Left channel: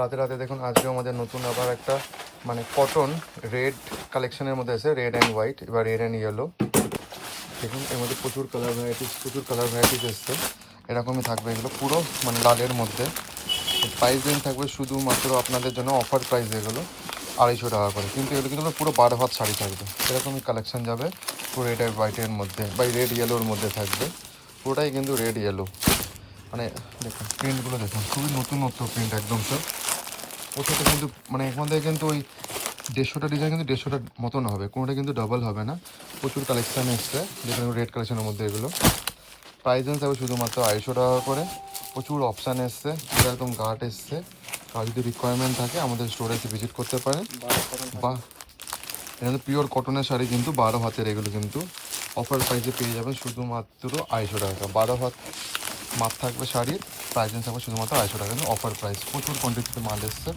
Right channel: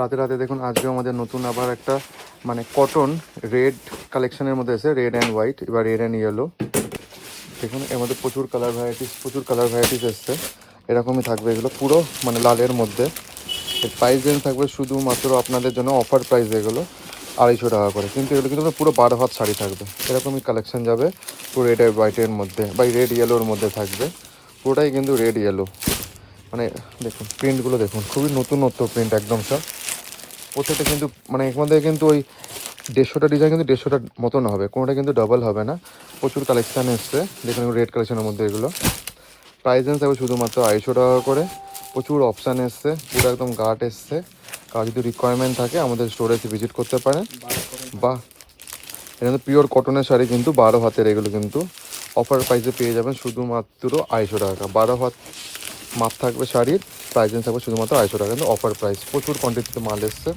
রাতে রাতে দেখুন আজকে আমাদের নতুন আবার একটা মানে কটন রেড কালেকশনের মধ্যে এসে রেড অ্যান্ড হোয়াইট, এবার রেড অ্যান্ড ইয়েলো। দেখুন এর মধ্যে প্রচুর কালার ভ্যারাইটিস এসছে। এরকমই থাকবে এগুলো পুরো মানে লালের মধ্যে। তো প্রাইস রেঞ্জ থাকবে শুধুমাত্র আপনাদের জন্য অফার প্রাইস এগুলো 250 টাকা করে, কিন্তু এগুলো কিন্তু পুরো 12 হাত শাড়ি থাকবে। এরকমই কালেকশন যাবে পুরো রেড আর হোয়াইটের মধ্যে বা রেড ইয়েলোর মধ্যে থাকবে। পুরোটাই কিন্তু রেড ইয়েলো। মানে দেখুন প্রিন্টগুলো দেখুন, খুবই নতুনত্ব প্রিন্ট একদম স্যার। প্রত্যেকটা কিন্তু মানে এর মধ্যে কিন্তু ওই 150টা ডিজাইন কিন্তু 150টার মতন হবে, কোনোটা কিন্তু ডাবল হবে না। প্রচুর কালেকশান এসছে দেখুন রেড কালেকশনের মধ্যে এগুলো। প্রাইস রেঞ্জ থাকবে শুধুমাত্র 250 টাকা করে। প্রচুর অপশান এসছে, পুরো একদম গার্ড এসছে। আর যদি রিকোয়ারমেন্ট থাকে আমাদের স্টোরে এসে ভিজিট করতে পারেন। বা এখানে পিওর কটনের শাড়ি কিন্তু 12 হাতের, এগুলো কিন্তু অফার প্রাইসে পেয়ে যাবেন শুধুমাত্র 250 টাকা। 12 হাত মাপ থাকবে শাড়ির, প্রাইস রেঞ্জ থাকবে শুধুমাত্র 250 টাকা, কিন্তু অফার প্রাইস। প্রচুর কোয়ান্টিটিতে মাল এসছে।